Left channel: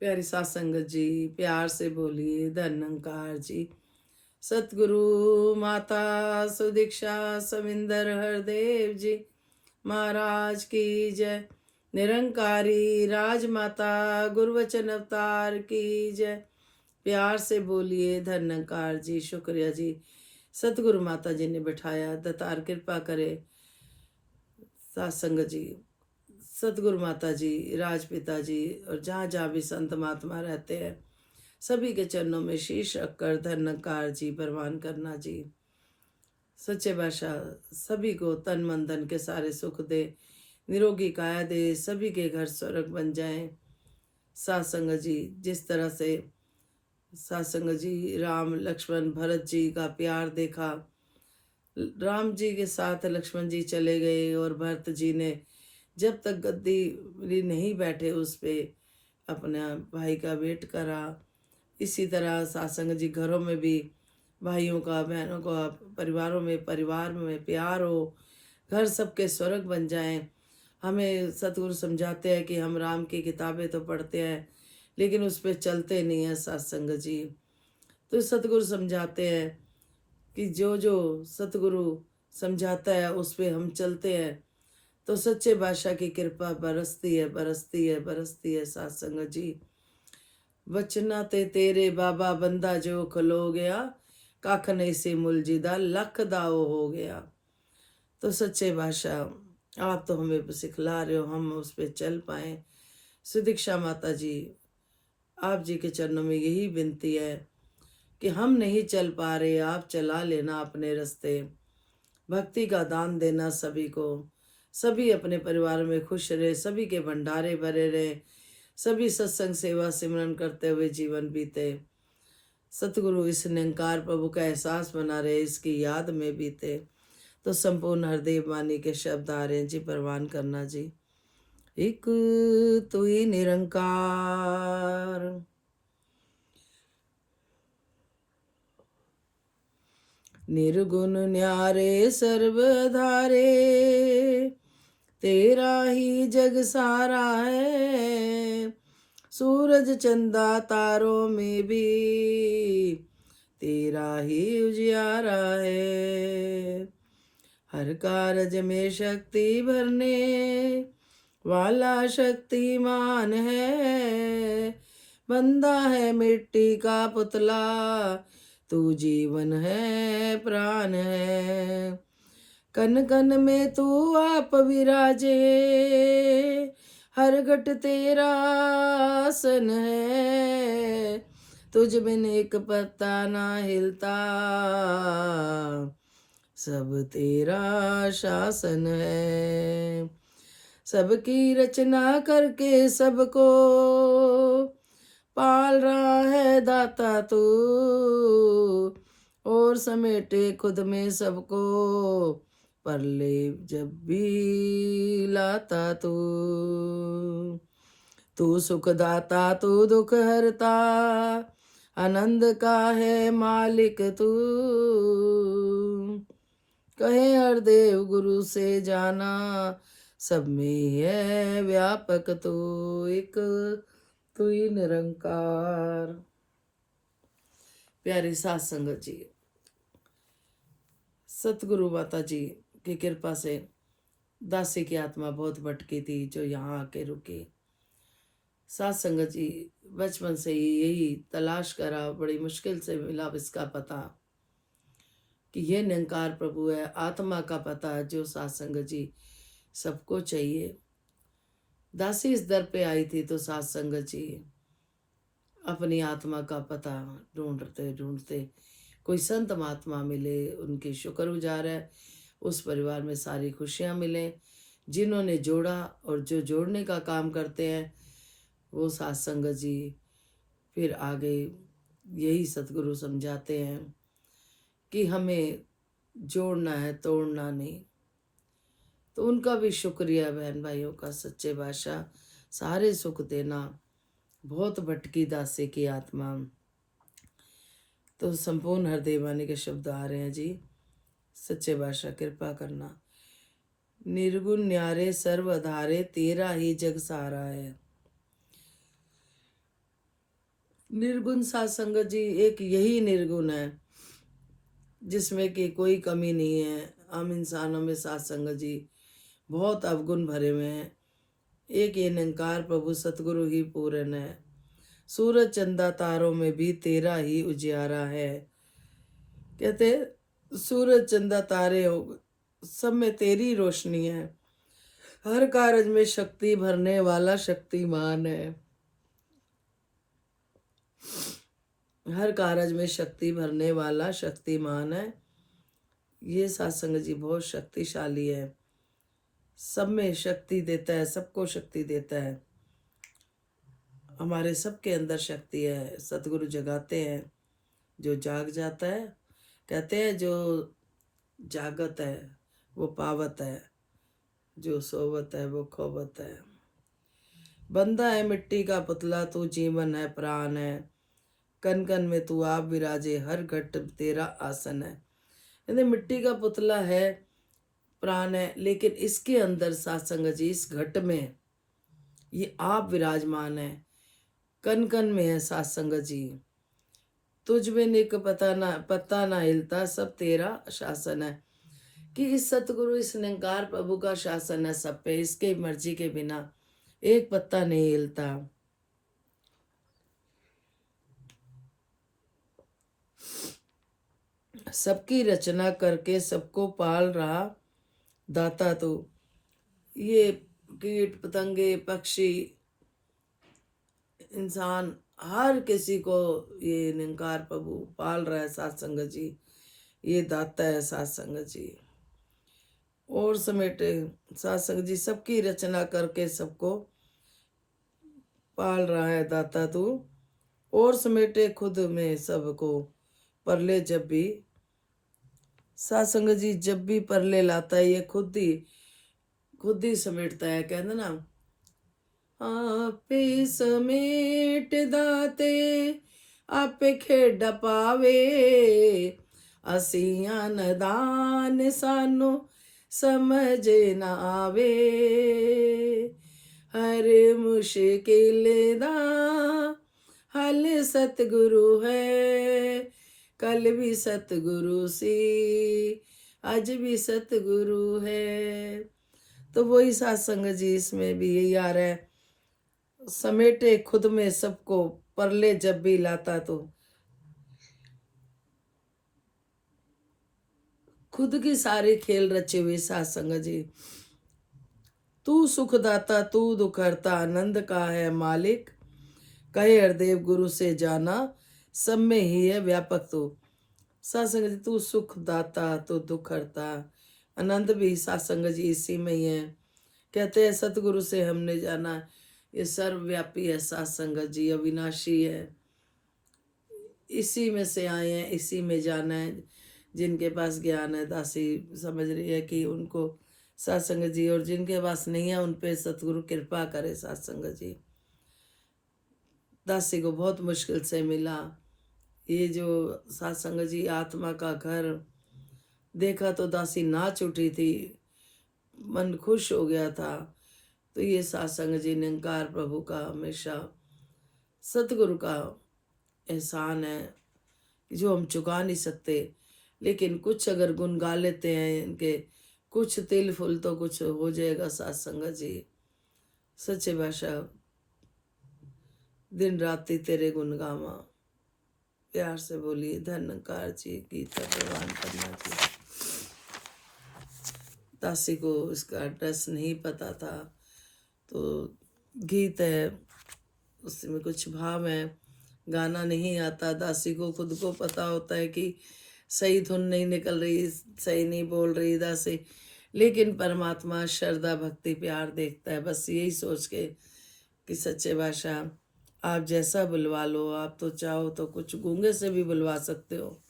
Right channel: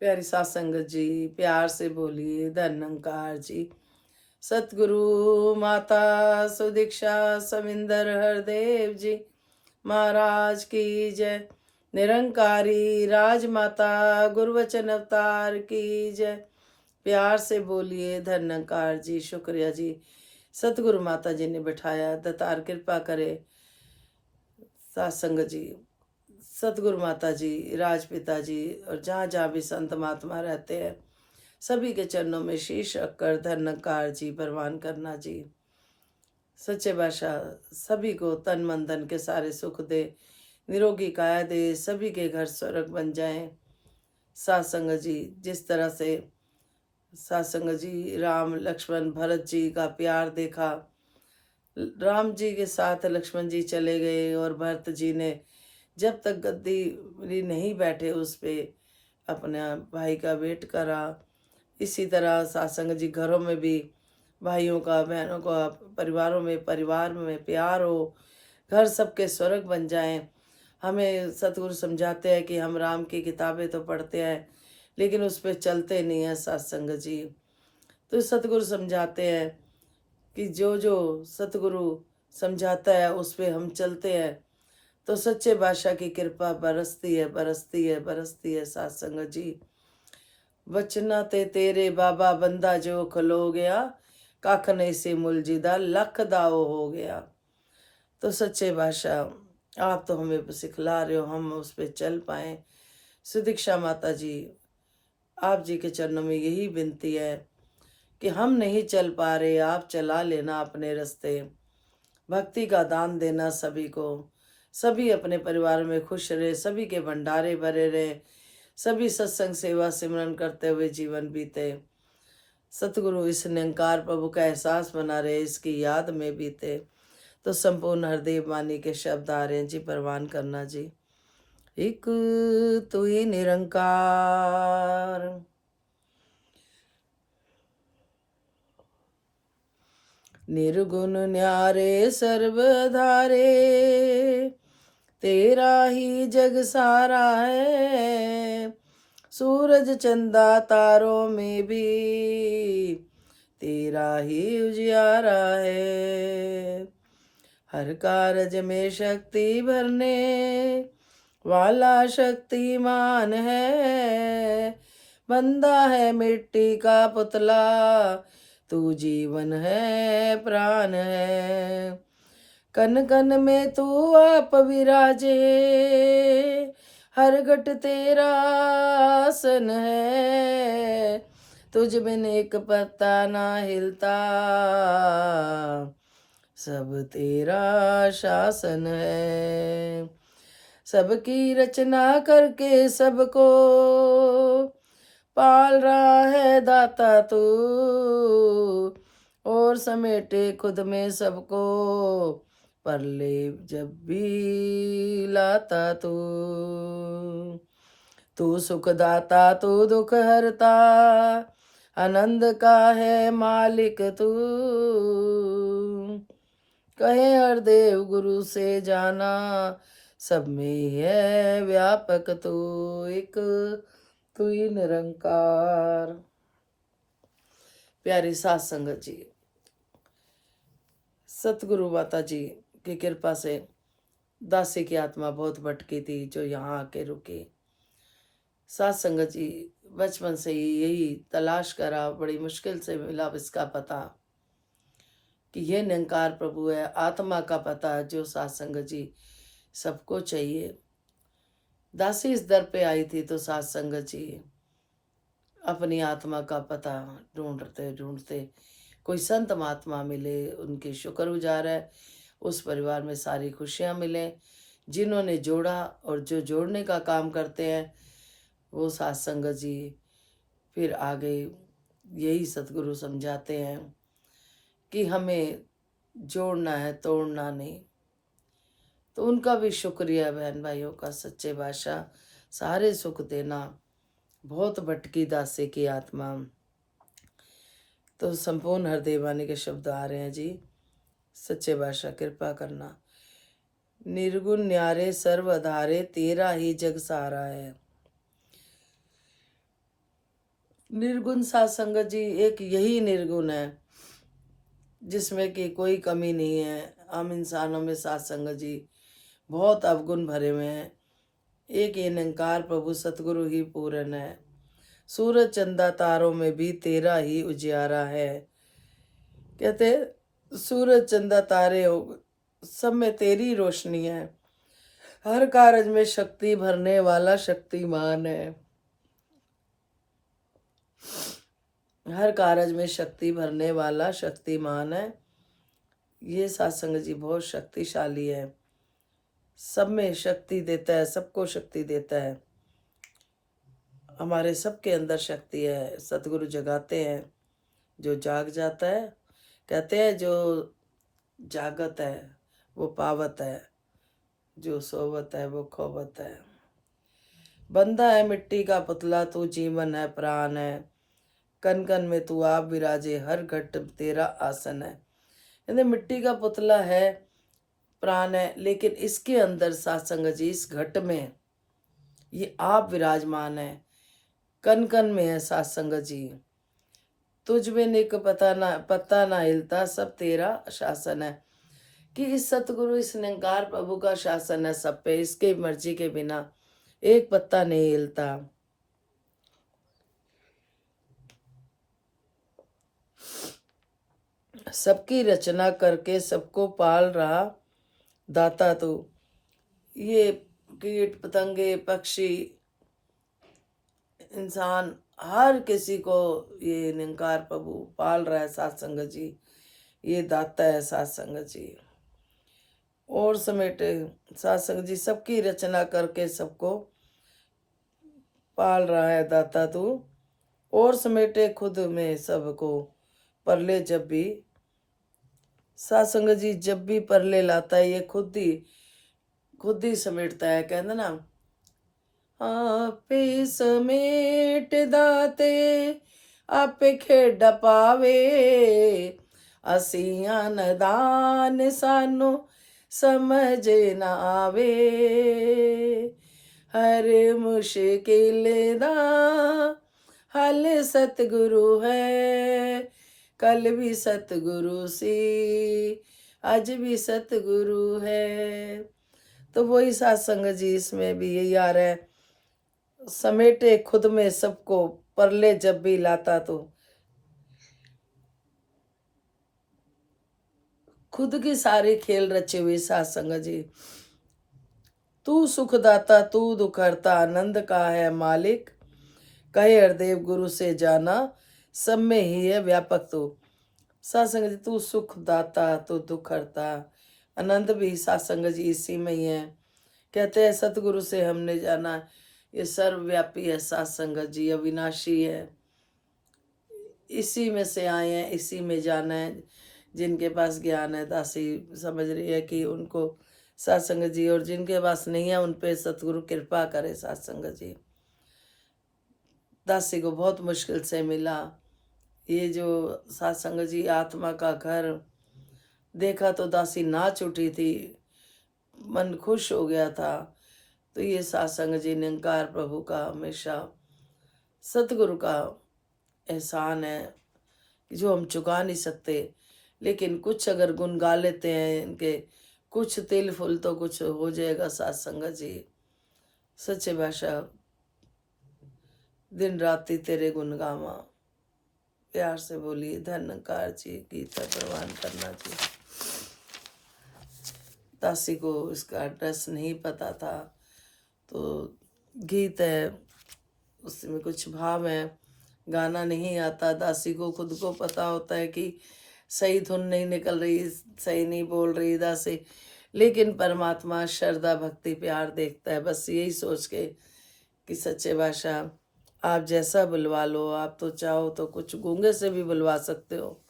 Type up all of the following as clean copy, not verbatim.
प्यारी सात संगत जी, प्यार से बोलिए धन्यंकार जी। सतगुरु माता सुदीक्षा सविंदर हरदेव जी महाराज की जय। निरंकारी राजमाता गुरुवचन अवतार की जय। प्यार से बोलिए धन्यंकार जी। शुक्रिया जी, सतगुरु माता जी ने बिठाया। दतार कृपा करे सात संगत जी, सतगुरु माता जी, राजपिता जी और जहाँ जहाँ भी संत महात्मा रहते हैं, सभी के चरणों में शीश रखकर धन्यकार जी परवान करना जी। सच्चे बादशाह सभी को तन मन धन के सारे सुख दे, निरोगी काया दे, सभी के घर स्वर्ग बन जाएं। सासंग जी, जिस तरह से सासंग जी राम लक्ष्मण भरत जी का प्यार देखा, राम जी के साथ लक्ष्मण जी चले गए और भरत जी ने जब तक गद्दी नहीं बैठे उस पे अपने भाई का वेट करा। इसी तरह सासंग जी घरों में भी भाइयों का, बहनों का, परिवार में प्यार हो, घर सबके स्वर्ग बन जाएं। हमें सतगुरु समझाते हैं कि हम राम की किताबें तो पढ़ते हैं लेकिन उस पर चलते नहीं हैं सत्संग जी। तो सतगुरु समझाते हैं कि जो जो सतगुरु समझाता है उस पर हम चलते हैं तो सच्चे बादशाह की कृपा बरसती है, बरसती है, बरसती है। सत्संग जी, बचना ते तेरे बाबा बंदा जो खलो गया, कख नहीं से मुलजिदा लख दाओ हो गया। तो सच्चे बादशाह आप तो हमें सिखला रहे हो, हम उस पर चल पाए। सुदीक्षा माता जी, आप जी के चरणों में यही विनती है कि हम नहीं चल पा रहे, आप चला लेना अपने रास्ते। भक्ति का दान देना सभी को, सभी अपने परिवार में खुश रहे, सभी के भंडारे भरे रहे, सभी सत्संग सेवा सिमरन करते हुए जीवन बीते। सतगुरु इस निरंकार प्रभु का एहसास बना रहे, इसकी याद में बीते। तो संपूर्ण हरदेव वाणी के शब्द आ रहे हैं जी, परवान करना जी। एक तू ही निरंकार, निर्गुण न्यारे सर्वधारे, तेरा ही जग सारा है। सूरज चंदा तारों में भी तेरा ही उजियारा है। हर कारज में शक्ति भरने वाला शक्तिमान है। बंदा है मिट्टी का पुतला, तू जीवन है, प्राण है। कन कन में तू आप विराजे, हर घट तेरा आसन है। तुझ बिन एक पत्ता ना हिलता, सब तेरा शासन है। सबकी रचना करके सबको पाल रहा है दाता तू, और समेटे खुद में सबको, परले जब भी लाता तू। तू सुखदाता तू दुख हरता, आनंद का है मालिक तू। कहे हर देव गुरु से जाना, सब में है व्यापक तू। एक तू ही निरंकार। प्यारी सात संगत जी, सतगुरु माता जी की कृपा से दासी की आत्मा बहुत भटकी थी जो यहाँ आके रुकी। सात संगत जी, बचपन से ही यही तलाश करा, बड़ी मुश्किल से मिला इसका पता कि ये निरंकार प्रभु है। आत्मा का पता जो सात संगत जी सबको चाहिए। दासी इस दर पे आई थी तो सात संगत जी अपनी आत्मा का पता ढूंढते ढूंढते कोई संत महात्मा मिले, उनके शुक्रगुजार है। उस परिवार में सारी खुशियां मिले जिन्होंने जोड़ा, और जो जोड़ने का काम करते हैं वो सात संगत जी फिर आगे यही सतगुरु समझाते हैं कि हमें जोड़ना है, तोड़ना नहीं। तो उनका भी शुक्रिया बहन भाइयों का। सच्चे बादशाह सारे सुख देना, बहुत भटकी दासे की आत्मा। तो संपूर्ण हृदय वाणी के शब्द आ रहे हैं जी। सच्चे बादशाह कृपा करना। निर्गुण न्यारे सर्व आधारे, तेरा ही जग सारा है। निर्गुण साध संगत जी, एक यही निर्गुण है जिसमें कि कोई कमी नहीं है। हम इंसानों में साध संगत जी बहुत अवगुण भरे हुए हैं। एक ये निरंकार प्रभु सतगुरु ही पूर्ण है। सूरज चंदा तारों में भी तेरा ही उजियारा है। कहते सूरज चंदा तारे हो, सब में तेरी रोशनी है। हर कारज में शक्ति भरने वाला शक्तिमान है। हर कारज में शक्ति भरने वाला शक्तिमान है। ये सत्संग जी बहुत शक्तिशाली है। सब में शक्ति देता है, सबको शक्ति देता है। हमारे सबके अंदर शक्ति है। सतगुरु जगाते हैं, जो जाग जाता है। कहते हैं जो जागत है वो पावत है, जो सोवत है वो खोवत है। बंदा है मिट्टी का पुतला, तू जीवन है प्राण है। कन कन में तू आप विराजे, हर घट तेरा आसन है। यानी मिट्टी का पुतला है, प्राण है, लेकिन इसके अंदर सत्संग जी, इस घट में ये आप विराजमान है। कन कन में है सत्संग जी। तुझ में निक पता ना हिलता, सब तेरा शासन है। कि इस सतगुरु, इस निरंकार प्रभु का शासन है सब पे। इसके मर्जी के बिना एक पत्ता नहीं हिलता। सबकी रचना करके सबको पाल रहा दाता तू। ये कीट पतंगे पक्षी इंसान हर किसी को ये निरंकार प्रभु पाल रहा है सत्संग जी। ये दाता है सत्संग जी। और समेटे सत्संग जी, सबकी रचना करके सबको पाल रहा है दाता तू। और समेटे खुद में सबको परले जब भी। सत्संग जी जब भी परले लाता है ये खुद ही समेटता है। कहते ना, आपे समेट दाते आपे खेड पावे, असियां नदान सानू समझ न आवे। हर मुश्किल दा हल सतगुरु है। कल भी सतगुरु सी, आज भी सतगुरु है। तो वही सत्संग जी, इसमें भी यही आ रहा है, समेटे खुद में सबको परले जब भी लाता तो। खुद की सारी खेल रचे हुए सत्संग जी। तू सुखदाता तू दुखहर्ता, आनंद का है मालिक। कहे हरदेव गुरु से जाना, सब में ही है व्यापक तू। सत्संग जी तू सुखदाता तू दुखहर्ता, आनंद भी सत्संग जी इसी में ही है। कहते हैं सतगुरु से हमने जाना, ये सर्वव्यापी है सत्संग जी, अविनाशी है। इसी में से आए हैं, इसी में जाना है। जिनके पास ज्ञान है, दासी समझ रही है कि उनको सत्संग जी, और जिनके पास नहीं है उन पे सतगुरु कृपा करे सत्संग जी। दासी को बहुत मुश्किल से मिला ये जो सत्संग जी, आत्मा का घर। देखा तो दासी नाच उठी थी, मन खुश हो गया था। तो ये सत्संग जी निरंकार प्रभु का हमेशा सतगुरु का एहसान है जो हम चुका नहीं सकते। लेकिन कुछ अगर गुण गा लेते हैं इनके, कुछ तिल फुल तो कुछ हो जाएगा सत्संग जी। सच्चे भाषा दिन राति तेरे गुण गावा। प्यार से बोलिए धन्यकार जी। गीत है प्रवान करना जी। दासी को इसका एड्रेस नहीं पता था, तो गीत है उसमें कुछ भाव है, गाना नहीं आता। दासी को खुद को पता होता है कि सही धुन नहीं निकल रही, सही नहीं बोल रही दासी, लेकिन परमात्मा श्रद्धा भक्ति प्यार देखता है। बस यही सोच के कि सच्चे बादशाह आप जैसा बुलवा लो, आप तो चाहो तो कुछ गूंगे से भी बुलवा सकते हो,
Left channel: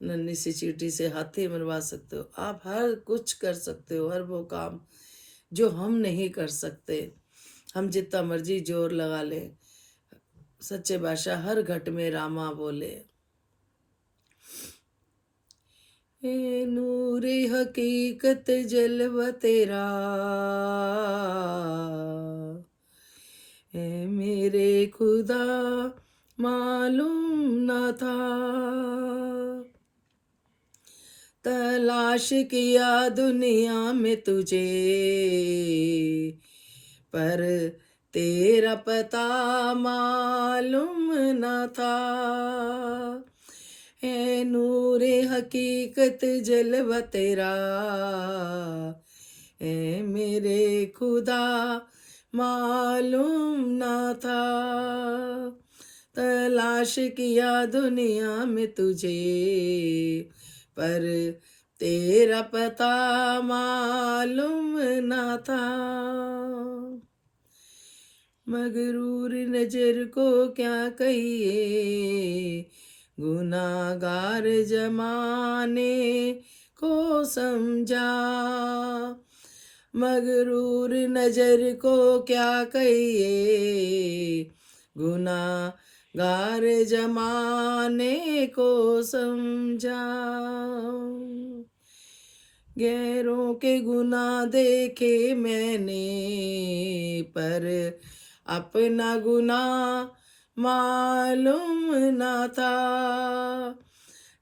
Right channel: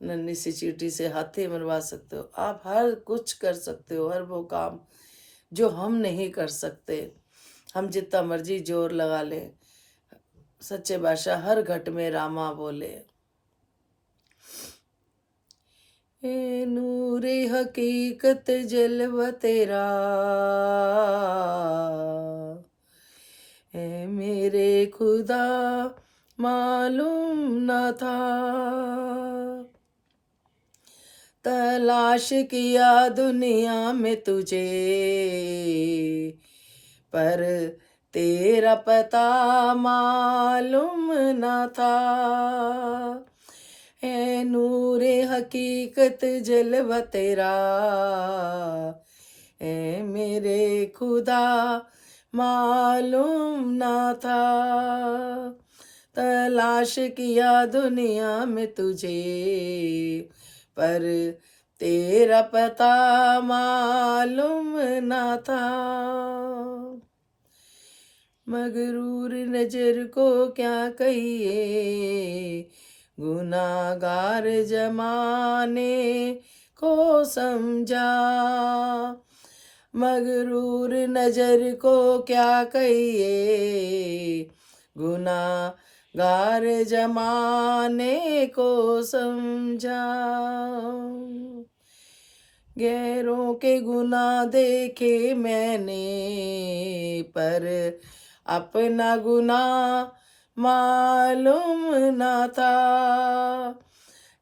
नन्ही सी चींटी से हाथी मरवा सकते हो, आप हर कुछ कर सकते हो, हर वो काम जो हम नहीं कर सकते। हम जितना मर्जी जोर लगा लें, सच्चे बादशाह हर घट में रामा बोले। ए नूरे हकीकत जलवा तेरा, ए मेरे खुदा मालूम न था। तलाश किया दुनिया में तुझे, पर तेरा पता मालूम न था। है नूरे हकीकत जलवा तेरा, है मेरे खुदा मालूम न था। तलाश किया दुनिया में तुझे, पर तेरा पता मालूम न था। मगरूर नजर को क्या कहिए, गुनाहगार जमाने को समझा। मगरूर नजर को क्या कहिए, गुनाहगार जमाने को समझा। गैरों के गुनाह देखे मैंने, पर अपना गुनाह मालूम न था।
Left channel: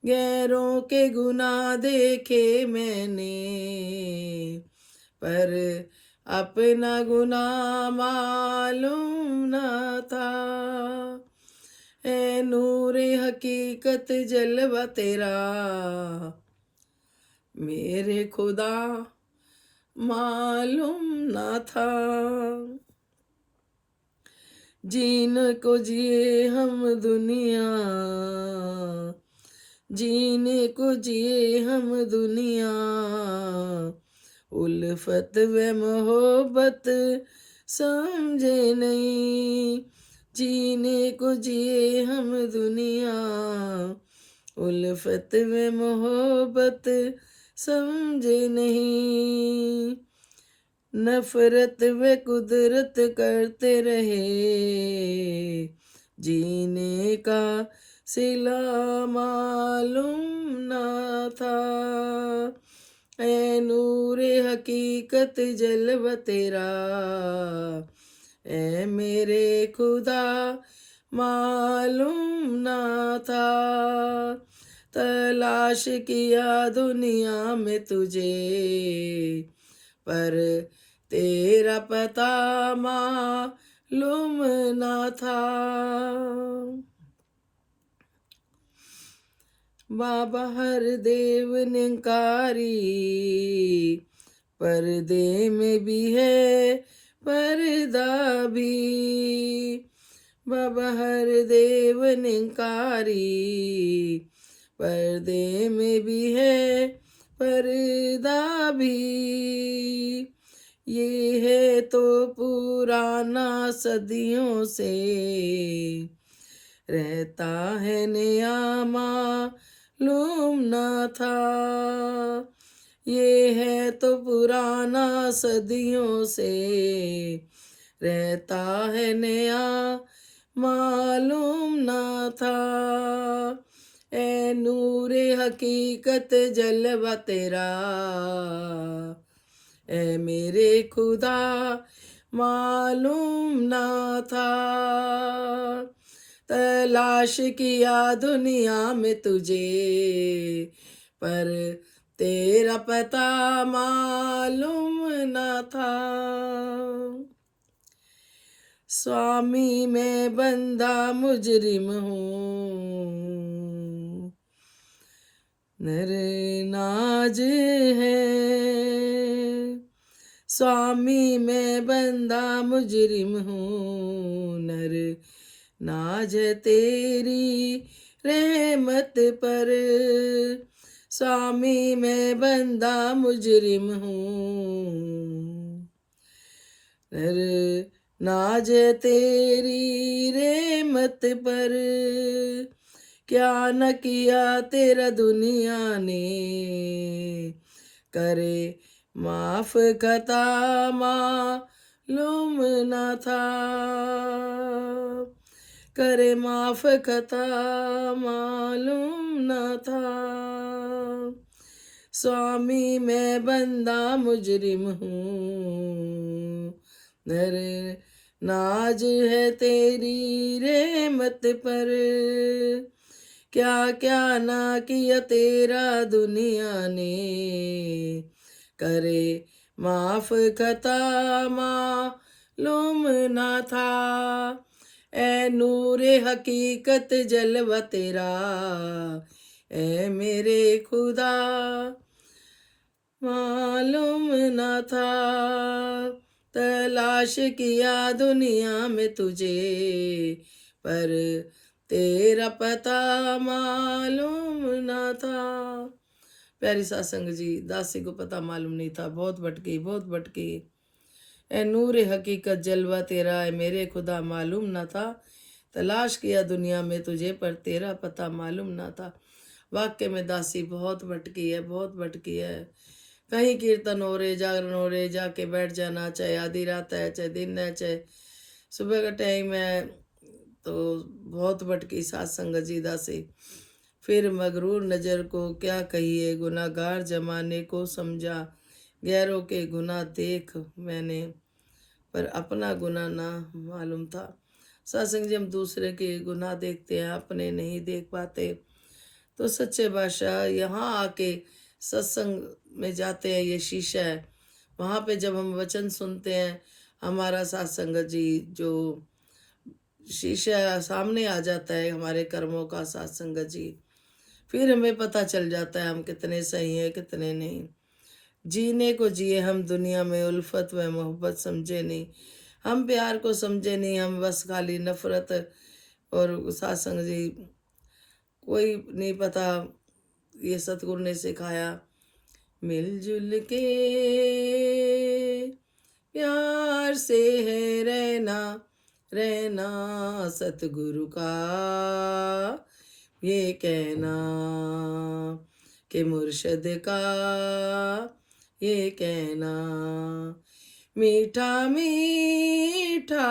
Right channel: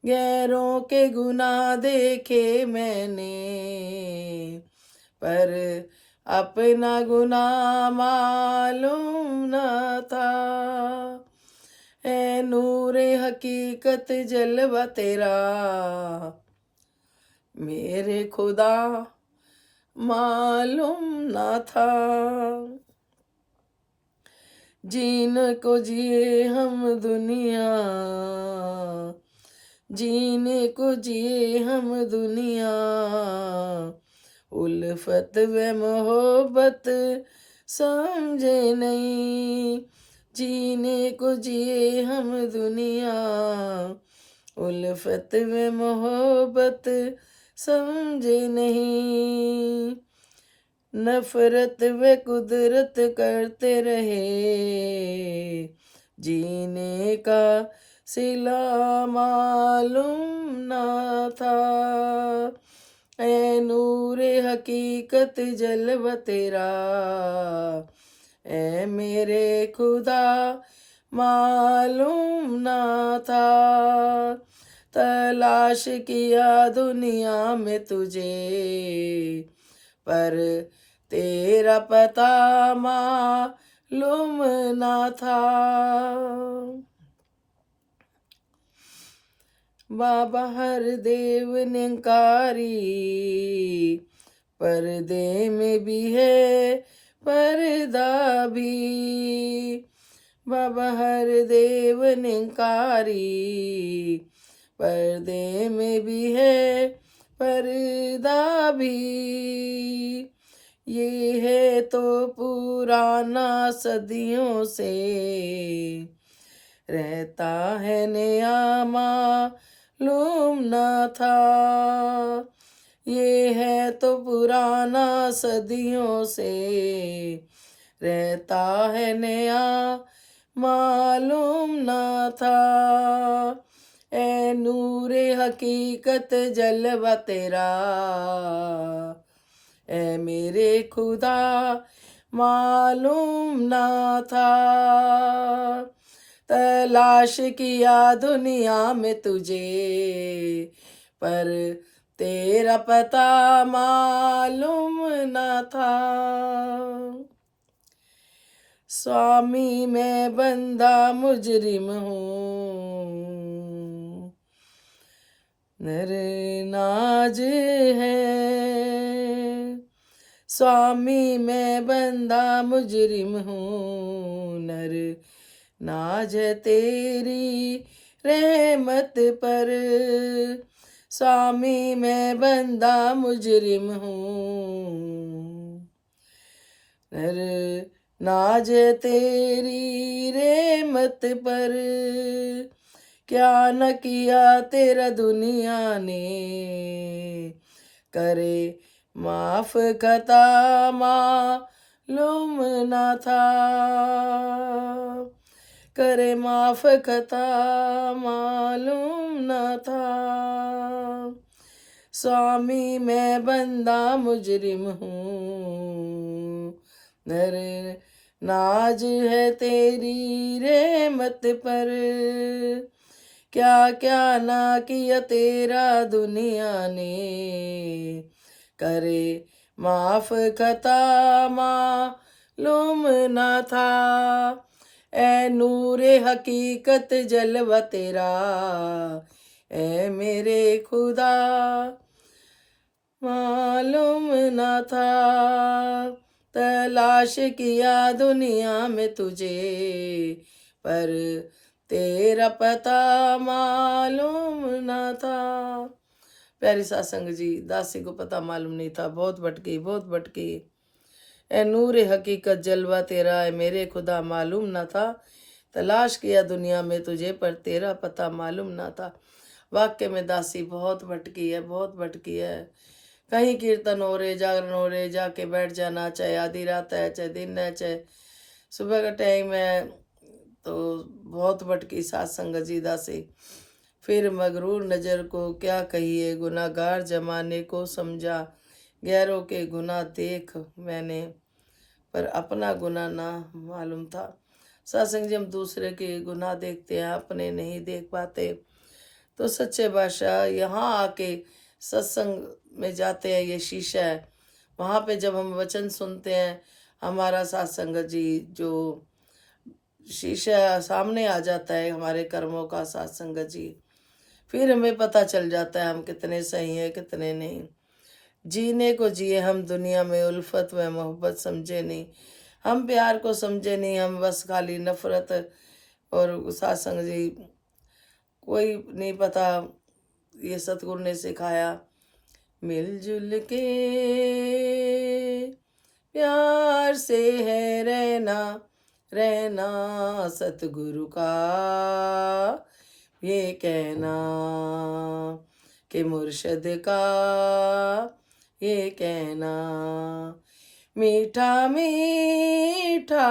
गैरों के गुनाह देखे मैंने, पर अपना गुनाह मालूम न था। है नूरे हकीकत जलवा तेरा, मेरे खुदा मालूम न था। जीन को जिए हम दुनिया, जीने को जिए हम दुनिया, उल्फत व मोहब्बत समझे नहीं। जीने को जिए हम दुनिया, उल्फत व मोहब्बत समझे नहीं। नफरत व कुदरत करते रहे, जीने का सिला मालूम न था। ऐ नूरे हकीकत जलवा तेरा, ऐ मेरे खुदा मालूम न था। तलाश किया दुनिया में तुझे, पर तेरा पता मालूम न था। बाबा हर देव निंकारी, पर्दे में भी है पर्दा भी। बाबा हर देव निंकारी, पर्दे में भी है पर्दा भी। ये है तो पुराना सदियों से, रहता है नया मालूम न था। ये है तो पुराना सदियों से, रहता है नया मालूम न था। ऐ नूरे हकीकत जलवा तेरा, ऐ मेरे खुदा मालूम न था। तलाश किया दुनिया में तुझे, पर तेरा पता मालूम न था। स्वामी मैं बंदा मुजरिम हूँ, नर नाज है। स्वामी मैं बंदा मुजरिम हूँ, नर नाज तेरी रहमत पर। स्वामी मैं बंदा मुजरिम हूँ, नर नाज तेरी रहमत पर। क्या न किया तेरा दुनिया ने, करे माफ खता मालूम न था। करे माफ खता मालूम न था। स्वामी मैं बंदा मुजरिम हूँ, नर नाज है तेरी रहमत पर, क्या क्या ना किया तेरा दुनिया ने, करे माफ खता मालूम ना था, ए नूरे हकीकत जलवा तेरा, ए मेरे खुदा मालूम ना था, तलाश किया दुनिया में तुझे, पर तेरा पता मालूम ना था। प्यारी सत्संग जी, दासी को पता मालूम नहीं था, बहुत भटकी बहुत भटकी। ए नूर हकीकत जलवा तेरा, ए मेरे खुदा मालूम ना था, तलाश किया दुनिया में तुझे, पर तेरा पता मालूम ना था। वाक्य में दासी बहुत भटकी है, बहुत भटकी है। कहीं कीर्तन हो रहे, जागरण हो रहे, जाके बैठ जाना, चाहे आधी रात है, चाहे दिन है, चाहे सुबह का टाइम है, तो बहुत भटकी सत्संग जी दासी। फिर मगरूर नजर को क्या कहिए, गुनाहगार जमाने को समझा, गैरों के गुनाह देख मैंने, पर अपना गुनाह ना मालूम था। सत्संग जी, हम दूसरे के गुनाह देखते हैं, अपने नहीं देख पाते। तो सच्चे बादशाह यहाँ आके सत्संग में जाते हैं, ये शीशा है। वहाँ पे जब हम वचन सुनते हैं, हमारा सत्संग जी जो शीशा सामने आ जाता है हमारे कर्मों का, सत्संग जी, फिर हमें पता चल जाता है हम कितने सही हैं कितने नहीं। जीने को जिए हम दुनिया में, उल्फत व मोहब्बत समझे नहीं, हम प्यार को समझे नहीं, हम बस खाली नफरत। और सत्संग जी कोई नहीं पता, ये सतगुरु ने सिखाया, मिलजुल के प्यार से है रहना, रहना सतगुरु का ये कहना, कि मुर्शद का ये कहना, मीठा मीठा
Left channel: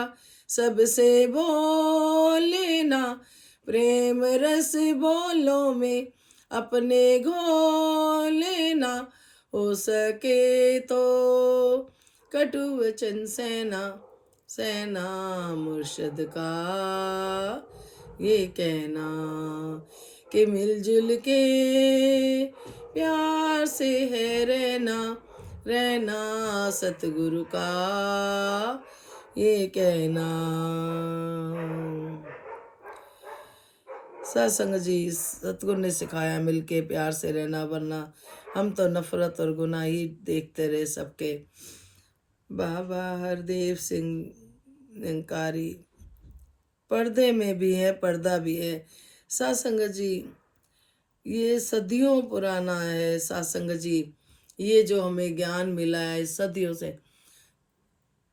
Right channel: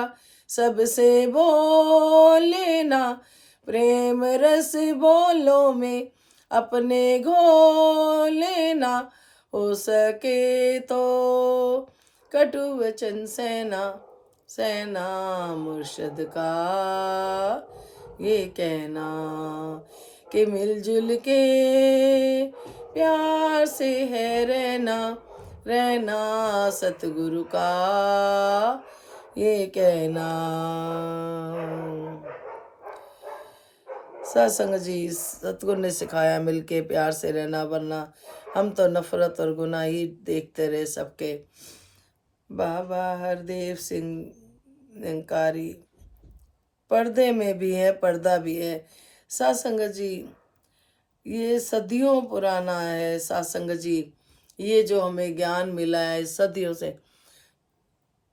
सबसे बोलेना, प्रेम रस बोलो में अपने घोलेना, हो सके तो कटु वचन सहना, सहना मुर्शद का ये कहना, कि मिलजुल के प्यार से है रहना, रहना सतगुरु का ये कहना। सत्संग जी, सतगुरु ने सिखाया मिलके प्यार से रहना, वरना हम तो नफरत और गुनाह ही देखते रहे सबके। बाबा हरदेव सिंह निरंकारी पर्दे में भी है, पर्दा भी है। सत्संग जी, ये सदियों पुराना है। सत्संग जी, ये जो हमें ज्ञान मिला है सदियों से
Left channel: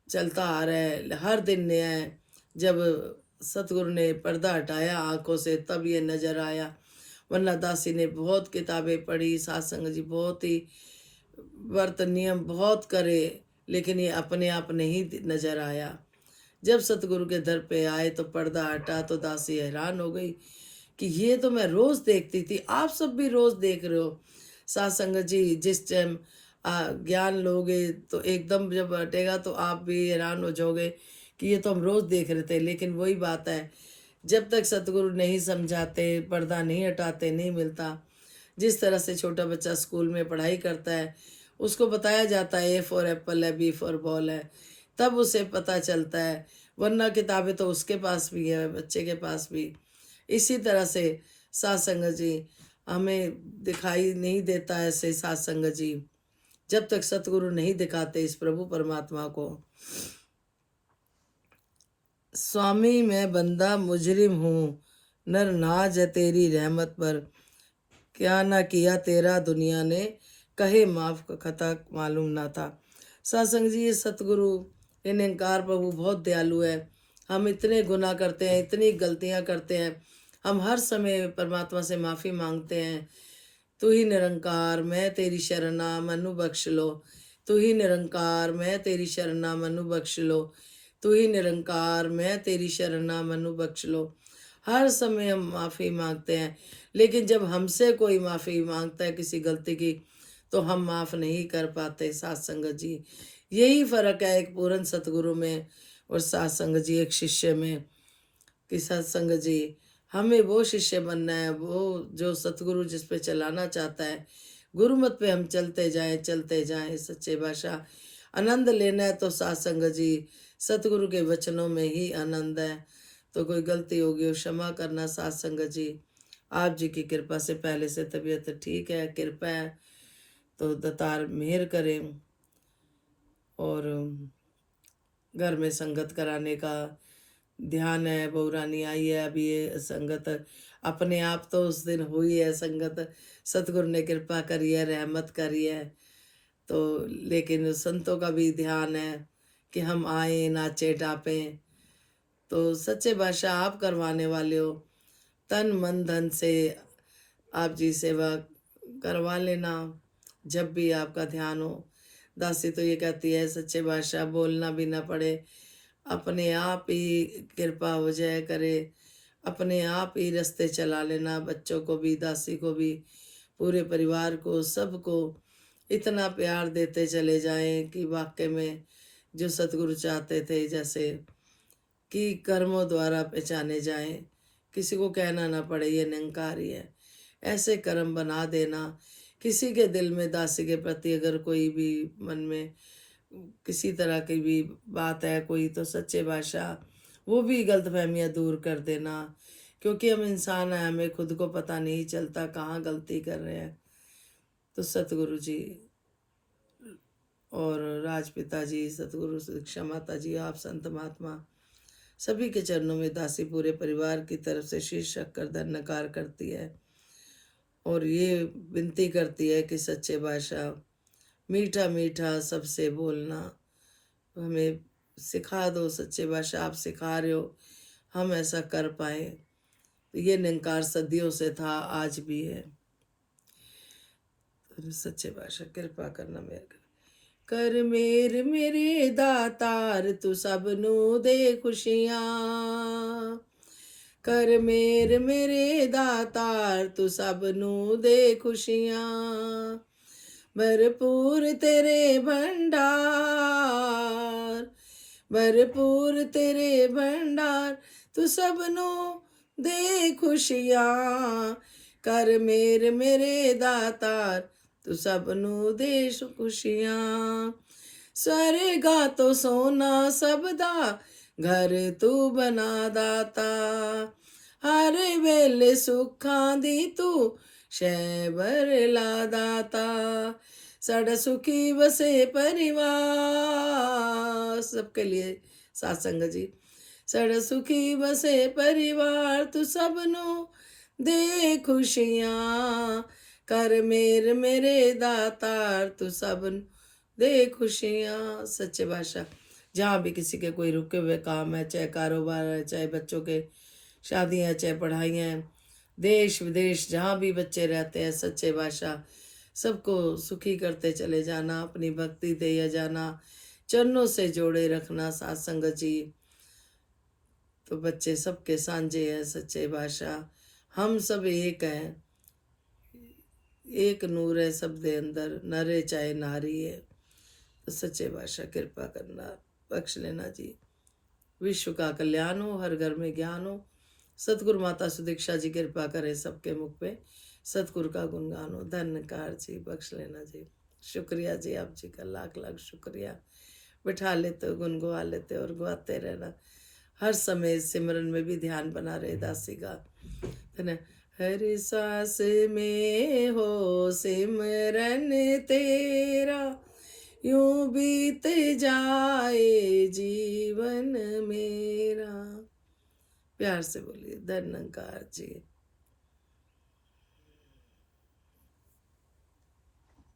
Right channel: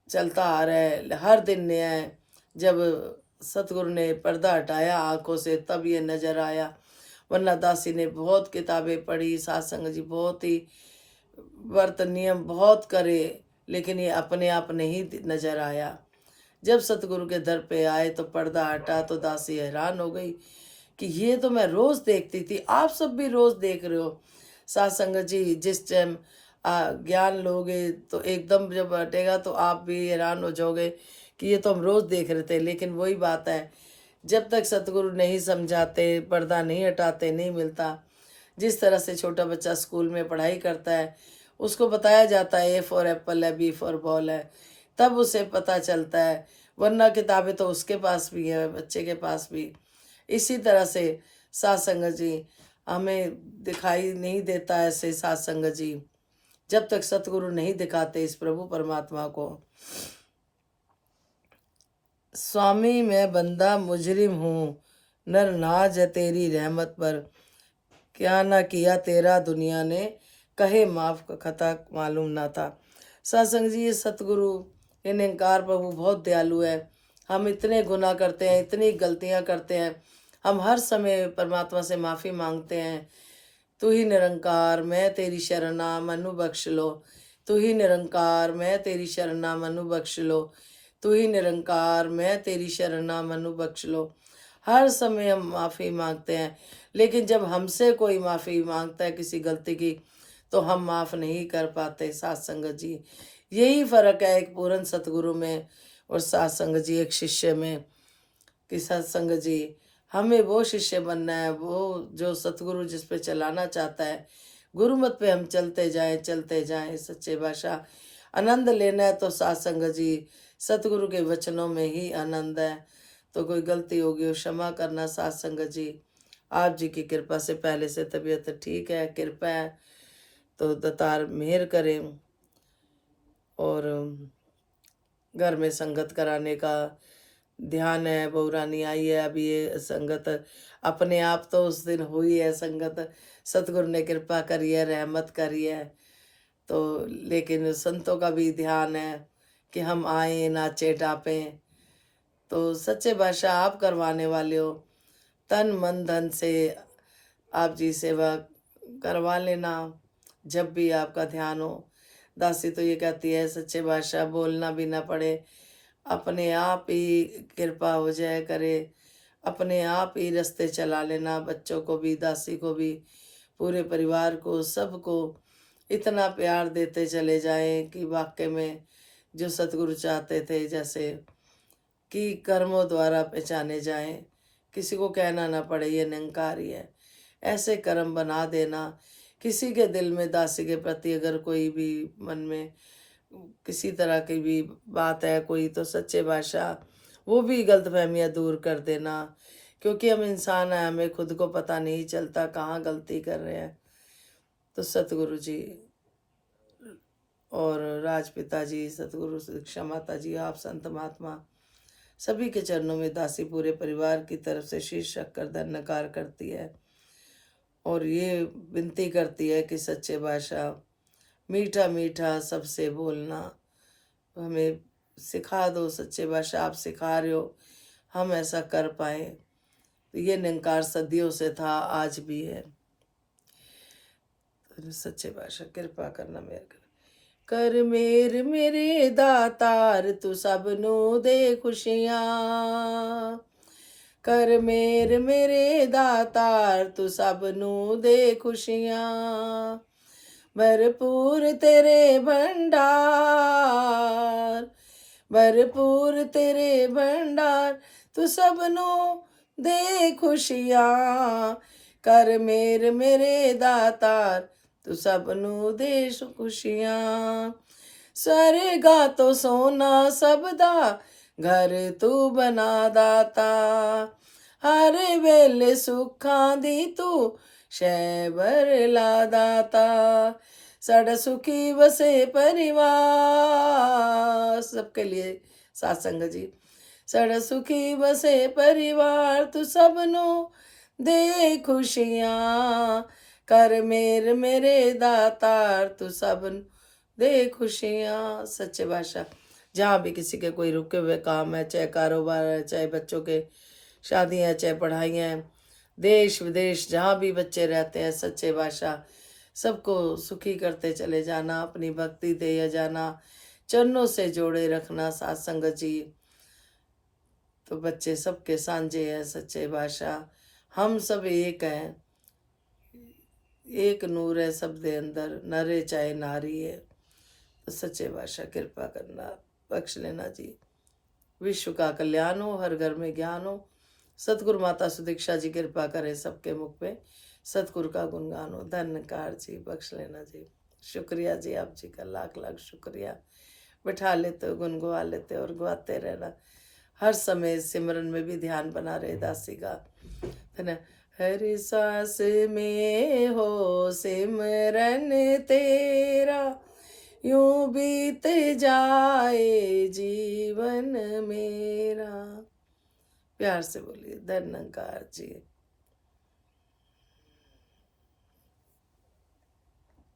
चलता आ रहा है, हर दिन नया है। जब सतगुरु ने पर्दा हटाया आंखों से, तब ये नजर आया, वरना दासी ने बहुत किताबें पढ़ी, सत्संग जी बहुत ही व्रत नियम बहुत करे, लेकिन ये अपने आप नहीं नजर आया। जब सतगुरु के दर पे आए तो पर्दा हटा, तो दासी हैरान हो गई कि ये तो मैं रोज देखती थी, आप सब भी रोज देख रहे हो। सत्संग जी, जिस टाइम ज्ञान लोगे तो एकदम जब हटेगा तो आप भी हैरान हो जाओगे कि ये तो हम रोज देख रहे थे। लेकिन वही बात है, जब तक सतगुरु नहीं समझाते, पर्दा नहीं हटाते, नहीं मिलता। जिस तरह से छोटा बच्चा स्कूल में पढ़ाई करता है, उसको बताया जाता है ए फॉर एप्पल है, बी फॉर बॉल है, तब उसे पता चलता है, वरना किताबें तो उसके पास भी है, बच्चे के पास भी। इसी तरह से सत्संग जी हमें दिखाई नहीं देता है, ऐसे सत्संग जी जब तक सतगुरु नहीं दिखाते इस प्रभु परमात्मा को। स्वामी मैं बंदा मुजरिम हूँ, नर नाज है तेरी रहमत पर, क्या ना किया तेरा दुनिया ने, कहे माफ का खता मालूम ना था। सत्संग जी, ये सतगुरु ये निरंकार प्रभु बहुत दयालु है। हम इतने गुनाह करते हैं, इतनी गलतियां करते हैं, हम हर समय परमात्मा से माफ़ी मांगते हैं। तू ही निरंकार मैं तेरी शरणा मनु बख्श लो, तू ही निरंकार मैं तेरी शरणा मनु बख्श लो, तू ही निरंकार मैं तेरी शरणा मनु बख्श लो। हर समय हम माफ़ी मांगते हैं, लेकिन जब हमसे कोई माफ़ी मांगता है किसी गलती की, तो हम माफ़ नहीं कर पाते। सत्संग जी, यही फ़र्क है एक पूर्ण सतगुरु में, और सत्संग जी एक शिष्य में कि सत्संग जी हमें वो शिष्य बनना है, वो जो सतगुरु जिस पे चलाना चाहता है, गुरुमत पे हम चलते जाएं सच्चे बादशाह। आनंद लेना है तो सत्संग जी सतगुरु के वचनों में ही आनंद है। तो कोई गलती होगी हो क्षमा करना सत्संग जी। आप जी की कृपा से पहले से तबीयत ठीक है, कृपा है तो दातार मेहर करें। और घर में संगत कराने का ध्यान है। बहू रानी आई है अभी, ये संगत अपने आप तो उस दिन हुई है संगत, सतगुरु ने कृपा करी है, रहमत करी है। तो लेकिन संतों का भी ध्यान है कि हम आए नाचे टापें। तो सच्चे बादशाह आप करवाने वाले हो, तन मन धन से आप जी सेवा करवा लेना जब भी आपका ध्यान हो। दासी तो ये कहती है सच्चे बादशाह बोलना भी ना पड़े, अपने आप ही कृपा हो जाए करे, अपने आप ही रास्ते चला लेना, बच्चों को भी, दासी को भी, पूरे परिवार को, सबको इतना प्यार देते चले जाएं कि वाकई में जो सतगुरु चाहते थे जैसे कि कर्मों द्वारा पहचाने जाएं, किसी को कहना ना पड़े ये निरंकारी है, ऐसे कर्म बना देना। किसी के दिल में दासी के प्रति अगर कोई भी मन में किसी तरह की भी बात है कोई, तो सच्चे बादशाह वो भी गलतफहमियां दूर कर देना, क्योंकि हम इंसान हैं, हमें खुद को पता नहीं चलता कहाँ गलती कर रहे हैं। तो सतगुरु जी और राजपिता जी, सतगुरु शिक्षा माता जी, आप संत महात्मा सभी के चरणों में दासी पूरे परिवार की तरफ से शीश रखकर धन्यकार करती है और ये विनती करती है कि सच्चे बादशाह मीठा मीठा सबसे बोलना हमें सिखा दो। सच्चे बादशाह आप सिखा रहे हो, हम ऐसा कर पाए। तो ये निरंकार सदियों से था, आज भी है। तो सच्चे बादशाह कृपा करना मेरे कर मेरे दातार तू सबनू दे खुशियां। कर मेरे दातार तू सबनू दे खुशियां। भरपूर तेरे भंडार, भरपूर तेरे भंडार तू सबनू दे खुशियां। कर मेरे दातार तू सबनू दे खुशियां। स्वर्गा तो सोना सबदा घर तू बना दाता। हर वेले सुखां दी तू शैबर ला दाता। साड़ा सुखी बसे परिवार, सबके लिए सत्संग जी। साड़ा सुखी बसे परिवार तू सबनू दे खुशियां। कर मेरे दातार तू सबनू दे खुशियां। सच्चे बादशाह जहाँ भी किसी के कोई रुके हुए काम है, चाहे कारोबार है, चाहे बच्चों के शादियाँ हैं, चाहे पढ़ाइयाँ हैं, देश विदेश जहाँ भी बच्चे रहते हैं, सच्चे बादशाह सबको सुखी करते चले जाना, अपनी भक्ति दे जाना, चरणों से जोड़े रखना सत्संग जी। तो बच्चे सबके सांझे हैं सच्चे बादशाह, हम सब एक हैं, एक नूर है सब दे अंदर, नरे चाहे नारी है। तो सच्चे बादशाह कृपा करना, बख्श लेना जी। विश्व का कल्याण हो, हर घर में ज्ञान हो। सतगुरु माता सुदीक्षा जी कृपा करे सबके मुख पे सतगुरु का गुणगान हो। धन्यकार जी, बख्श लेना जी। शुक्रिया जी, आप जी का लाख लाख शुक्रिया। बिठा लेते हो, गुनगुआ लेते और गुआते रहना, हर समय सिमरन में भी ध्यान बना रहे दासी का, है ना। हर सांस में हो सिमरन तेरा, यूं बीत जाए जीवन मेरा। प्यार से बोलिए धन्यकार जी।